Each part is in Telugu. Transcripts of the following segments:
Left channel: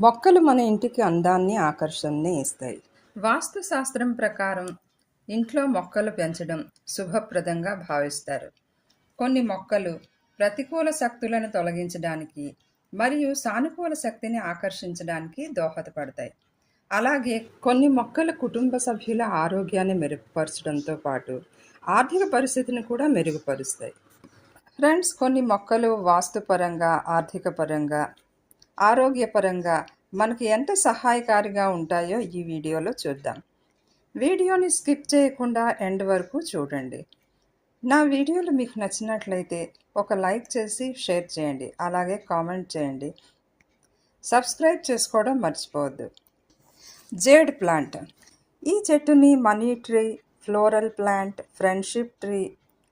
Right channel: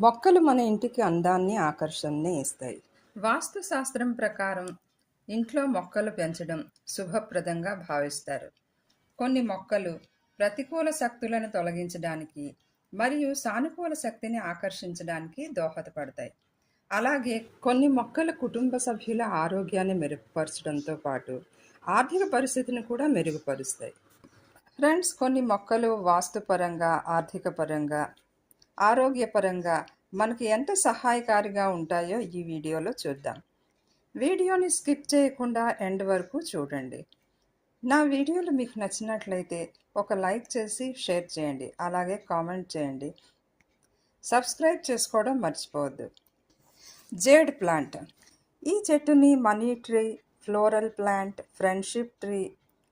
మొక్కలు మన ఇంటికి అందాన్ని ఆకర్షణని ఇస్తాయి. వాస్తు శాస్త్రం ప్రకారం ఇంట్లో మొక్కలు పెంచడం శుభప్రదంగా భావిస్తారు. కొన్ని మొక్కలు ప్రతికూల శక్తులను తొలగించడానికి మరియు సానుకూల శక్తిని ఆకర్షించడానికి దోహదపడతాయి. అలాగే కొన్ని మొక్కల కుటుంబ సభ్యుల ఆరోగ్యాన్ని మెరుగుపరచడంతో పాటు ఆర్థిక పరిస్థితిని కూడా మెరుగుపరుస్తాయి. ఫ్రెండ్స్ కొన్ని మొక్కలు వాస్తుపరంగా ఆర్థిక పరంగా ఆరోగ్యపరంగా మనకు ఎంత సహాయకారిగా ఉంటాయో ఈ వీడియోలో చూద్దాం. వీడియోని స్కిప్ చేయకుండా ఎండ్ వరకు చూడండి. నా వీడియోలు మీకు నచ్చినట్లయితే ఒక లైక్ చేసి షేర్ చేయండి. అలాగే కామెంట్ చేయండి. సబ్స్క్రైబ్ చేసుకోవడం మర్చిపోవద్దు. Jade plant. ఈ చెట్టుని money tree floral plant friendship tree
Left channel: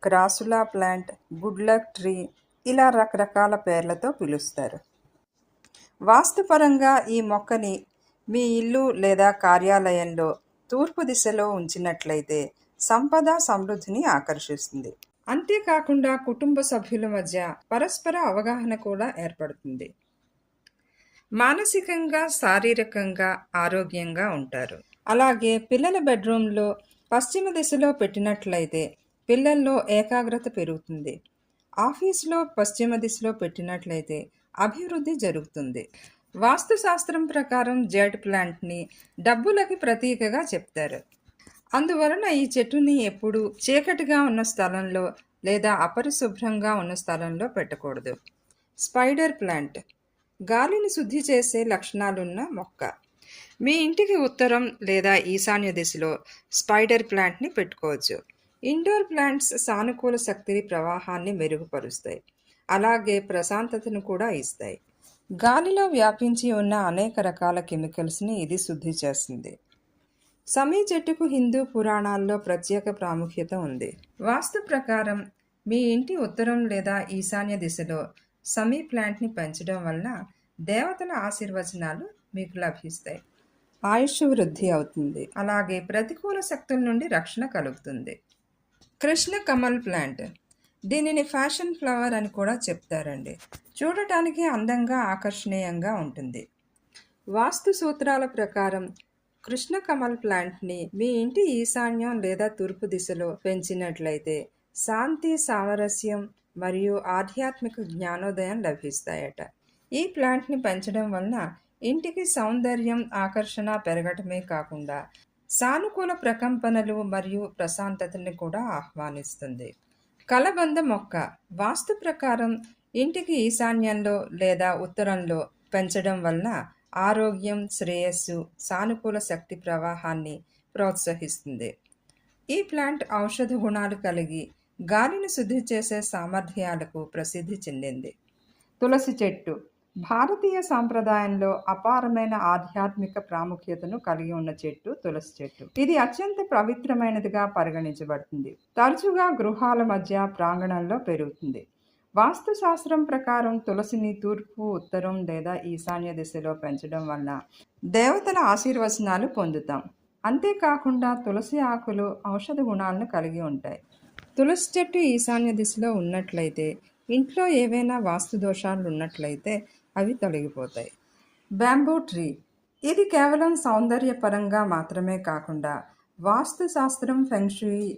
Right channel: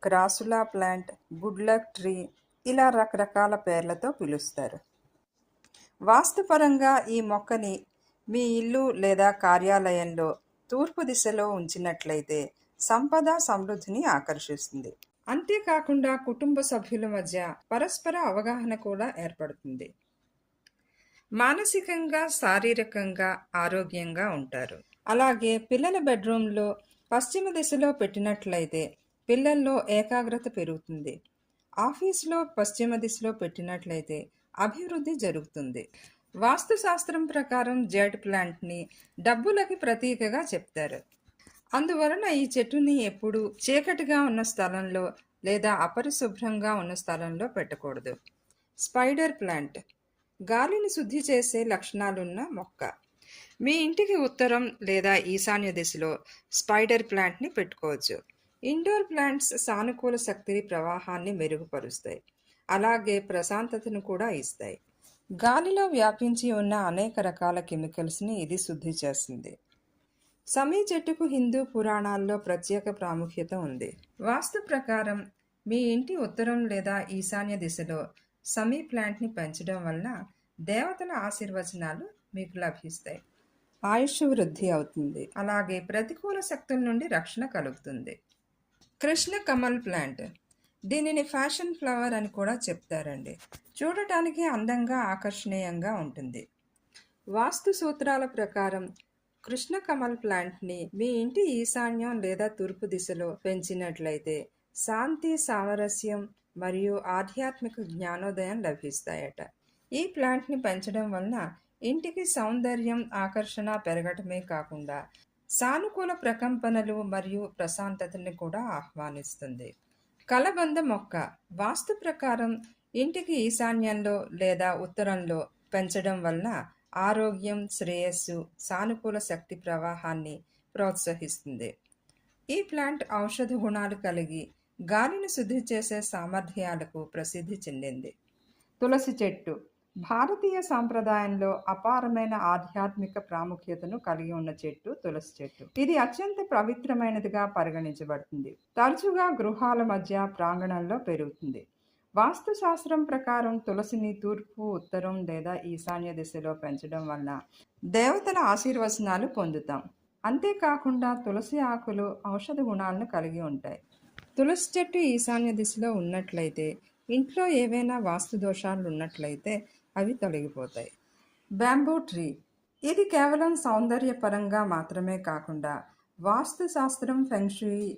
crassula plant good luck tree ఇలా రకరకాల పేర్లతో పిలుస్తారు. వాస్తుపరంగా ఈ మొక్కని మీ ఇల్లు లేదా కార్యాలయంలో తూర్పు దిశలో ఉంచినట్లయితే సంపద సమృద్ధిని ఆకర్షిస్తుంది. అంతేకాకుండా కుటుంబ సభ్యుల మధ్య పరస్పర అవగాహన కూడా ఏర్పడుతుంది. మానసికంగా శారీరకంగా ఆరోగ్యంగా ఉంటారు. అలాగే పిల్లల బెడ్రూమ్లో పశ్చిమ దిశలో పెట్టినట్లయితే పిల్లల్లో ఏకాగ్రత పెరుగుతుంది. ఆఫీస్లో పశ్చిమ దిశలో పెట్టినట్లయితే అభివృద్ధి జరుగుతుంది. వాస్తుశాస్త్రం ప్రకారం జెడ్ ప్లాంట్ని డబ్బులకి ప్రతీకగా చెప్తారు. అందువలన ఈ చెట్టుని ఎప్పుడు చీకటిగా ఉన్న స్థలంలో లేదా అపరిశుభ్రంగా ఉన్న స్థలంలో పెట్టకూడదు. స్పైడర్ ప్లాంట్ గాలిని శుద్ధి చేసే లక్షణాలున్న మొక్క. మీ ఇంటికి ఉత్తరం లేదా ఈశాన్య దిశలో స్పైడర్ ప్లాంట్ని పెట్టుకోవచ్చు. ఇండోర్ ప్లాంట్స్ సానుకూల శక్తిని ప్రవాహాన్ని మెరుగుపరుస్తాయి. అలాగే ప్రశాంతతను కూడా ఇస్తాయి. గాలిలో వ్యాపించి ఉన్న అనేక రకాల కెమికల్స్ని ఇది శుద్ధి చేస్తుంది. సమీ చెట్టుకు హిందూ పురాణాల్లో ప్రత్యేక ప్రాముఖ్యత ఉంది. వాస్తు ప్రకారం మీ ఇంటి ఉత్తరం లేదా ఈశాన్య దిశలో సమీ ప్లాంట్ని పెంచడం వలన దేవతల ఆశీర్వచనాలు మీకు లభిస్తాయి. ఆయుష్ వృద్ధి అవుతుంది. అలాగే ప్రతికూల శక్తుల నుండి రక్షణ కలుగుతుంది. కృష్ణ కమల్ ప్లాంట్ దీనిని ఫ్యాషన్ ఫ్లవర్ అని కూడా చెప్తారండి. చూడటానికి అందంగా ఆకర్షణీయంగా ఉంటుంది. వాస్తు సూత్రాల ప్రకారం కృష్ణ కమల్ ప్లాంట్ని మీ ఇంటి ఈశాన్యం లేదా తూర్పు దిశలో పెంచినట్లయితే శాంతి సామరస్యం మరియు ఆధ్యాత్మిక జ్ఞానోదయం లభిస్తాయట. ఈ ప్లాంట్ని పెంచడం వలన ఇంటికి సౌందర్యం ఆకర్షణ పెరగటమే కాకుండా సానుకూల ప్రకంపనలు మరియు ప్రశాంతతని కూడా ఆహ్వానిస్తుంది. కలబంద మొక్క వాస్తు ప్రకారం ఇంటికి ఈశాన్యంలో లేదా ఉత్తరంలో పెంచడం వలన ఆరోగ్యం శ్రేయస్సు సానుకూల శక్తి ప్రవాహాన్ని ప్రోత్సహిస్తుంది. ఈ ప్లాంట్ ఔషధ గుణాలు కలిగి గాలిని శుద్ధి చేసే సామర్థ్యాలకు ప్రసిద్ధి చెందింది. తులసి చెట్టు భారతీయ సాంప్రదాయంలో అపారమైన ఆధ్యాత్మిక ప్రాముఖ్యతను కలిగి ఉన్న చెట్టు తులసి చెట్టు. ఇది అత్యంత పవిత్రమైనదిగా పరిగణించబడుతుంది. తరచుగా గృహాల మధ్య ప్రాంగణంలో పెరుగుతుంది. వాస్తుశాస్త్రం ప్రకారం తులసిని తూర్పు ఉత్తరం లేదా ఈశాన్య దిశలో పెంచడం వల్ల దేవతల ఆశీర్వచనాలు పొందుతాం. అంతేకాకుండా తులసి ఆకులు ఔషధ గుణాలను కలిగి ఉంటాయి. తులసి చెట్టు ఈశాన్య దిశలో ఉన్నట్లయితే ఇంట్లో ఏవైనా వాస్తు దోషాలు ఉన్నట్లయితే అవి తొలగిపోతాయి. Bamboo tree. ఇది కేవలం సౌందర్యపరంగా మాత్రమే కాకుండా వాస్తు శాస్త్రం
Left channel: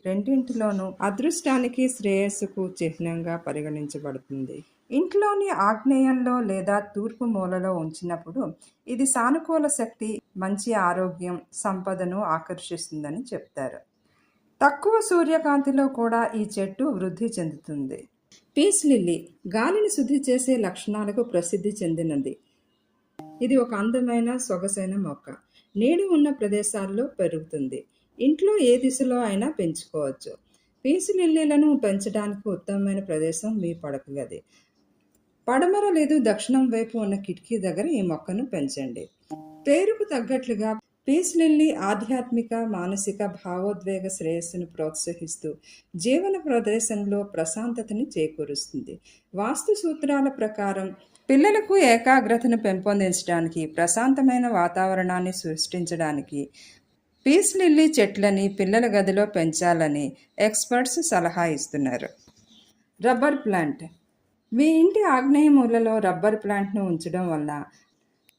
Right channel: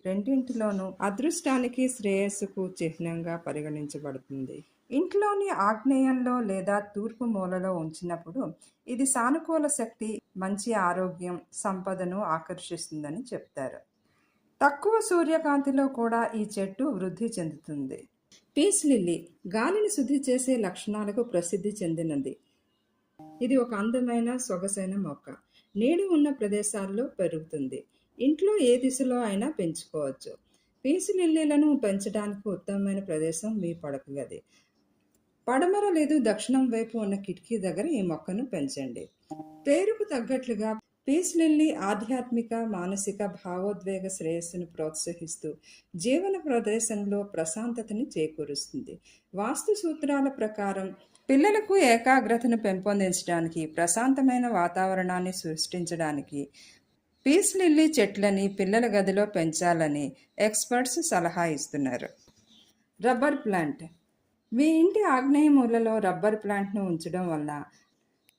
రెండింటిలోనూ అదృష్టానికి శ్రేయస్సుకు చిహ్నంగా పరిగణించబడుతుంది. ఇంట్లోని ఆగ్నేయంలో లేదా తూర్పు మూలలో ఉంచినప్పుడు ఇది సానుకూల శక్తి మంచి ఆరోగ్యం సంపదను ఆకర్షిస్తుందని చెప్తారు. తక్కువ సూర్యకాంతిలో కూడా ఈ చెట్టు వృద్ధి చెందుతుంది. పీస్ లిల్లీ గాలిని శుద్ధి చేసే లక్షణాలకు ప్రసిద్ధి చెందినది. ఇది ఒక అందమైన సొగసైన మొక్క. నీడు ఉన్న ప్రదేశాల్లో పెరుగుతుంది. ఇంట్లో ఏ దిశలో అయినా పెంచుకోవచ్చు. పీసు లిల్లీలను పెంచడానికి ఉత్తమమైన ప్రదేశం మీ పడక గది. పడమర లేదు దక్షిణం వైపు ఉన్న కిటికీ దగ్గర ఈ మొక్కను పెంచండి. పేరుకు తగ్గట్లుగా పీస్ లిల్లీ ఆధ్యాత్మిక మానసిక భావోద్వేగ శ్రేయస్సును ప్రోత్సహిస్తూ జీవన ప్రదేశంలో ప్రశాంతతని చేకూరుస్తుంది. వాస్తు సూత్రాల ప్రకారం పిల్లలకు ఏకాగ్రతను పెంపొందించడానికి ప్రశాంతమైన వాతావరణాన్ని సృష్టించడానికి పీస్ లిల్లీ చెట్లని పిల్లల గదిలో పెంచాలని ఎక్స్పర్ట్స్ సలహా ఇస్తున్నారు. Rubber plant. మీ ఇంటి ఆగ్నేయ మూలలో రబ్బర్ ప్లాంట్ను ఉంచడం వల్ల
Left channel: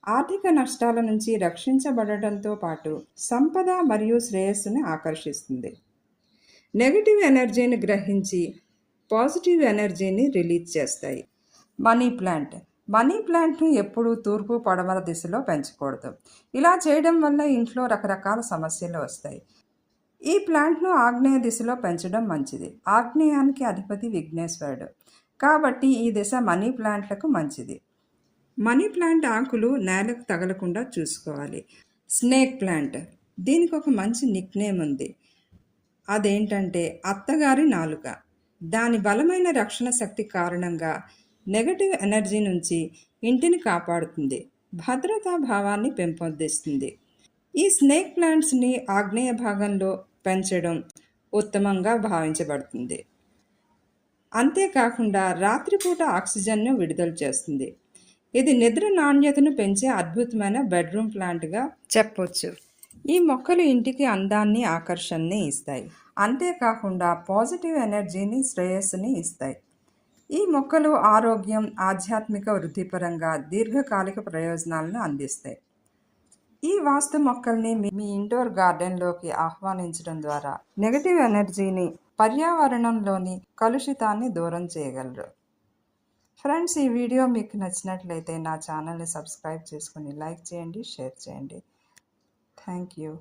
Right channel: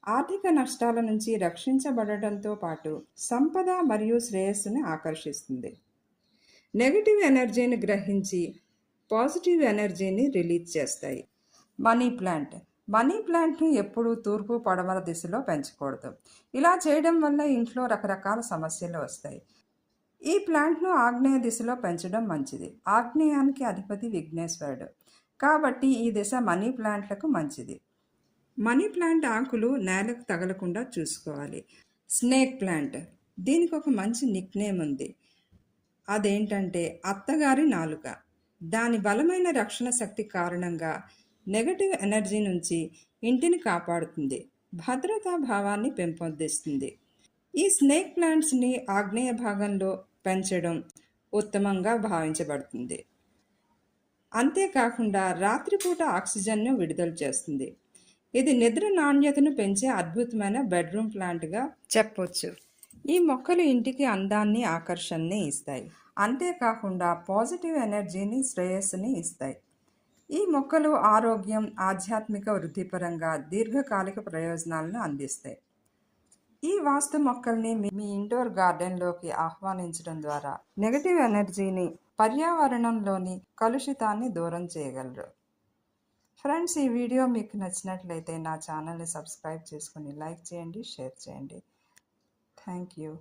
ఆర్థిక నష్టాల నుంచి రక్షించబడటంతో పాటు సంపద మరియు శ్రేయస్సుని ఆకర్షిస్తుంది. నెగటివ్ ఎనర్జీని గ్రహించి పాజిటివ్ ఎనర్జీని రిలీజ్ చేస్తాయి. Money plant. మనీ ప్లాంట్ను ఎప్పుడూ తూర్పు పడమర దిశలో పెంచకూడదు. ఇలా చేయడం వల్ల ఇంట్లో రకరకాల సమస్యలు వస్తాయి. ఈ ప్లాంట్ను ఆగ్నేయ దిశలో పెంచడం మంచిది. ఆగ్నేయానికి అధిపతి విఘ్నేశ్వరుడు. కాబట్టి ఈ దిశ మనీ ప్లాంట్లకు మంచిది. మనీ ప్లాంట్ ఆకులు నేలకు తగలకుండా చూసుకోవాలి. Snake plant. దీనికి ఒక మంచి నిక్ నేమ్ ఉంది. అదేంటంటే అత్తగారి నాలుక. దాని బలమైన రక్షణ శక్తి కారణంగా నెగటివ్ ఎనర్జీ నుంచి ఇంటిని కాపాడుతుంది. భద్రతా భావాన్ని పెంపొందిస్తుంది. ఈ స్నేక్ ప్లాంట్స్ని ఆగ్నేయ భాగంలో పెంచడం ఉత్తమంగా భావించబడుతుంది. అంతేకాకుండా రాత్రిపూట ఆక్సిజన్ను విడుదల చేస్తుంది. ఇది నిద్ర నాణ్యతను పెంచే అద్భుతమైన బెడ్రూమ్ ప్లాంట్గా చెప్పొచ్చు. ఈ మొక్కలు ఇంటికి అందాన్ని ఆకర్షణని ఇస్తాయి. అంతేకాకుండా పాజిటివ్ ఎనర్జీని శ్రేయస్సుని ఇస్తాయి. ఈ మొక్కలు ఆరోగ్యం ఆధ్యాత్మిక వృద్ధిపరంగా దీర్ఘకాలిక ప్రయోజనాలను అందిస్తాయి. ఈ వాస్తు మొక్కల్ని మీ మీ ఇండోర్ గార్డెన్లోకి ఆహ్వానించడం ద్వారా నెగటివ్ ఎనర్జీని పర్యావరణంలోని కలుషితాన్ని దూరం చేయగలరు. ఫ్రెండ్స్ ఈ వీడియో మీకు నచ్చినట్లయితే నా ఛానల్ని సబ్స్క్రైబ్ చేసుకొని లైక్ చేయండి షేర్ చేయండి. Thank you.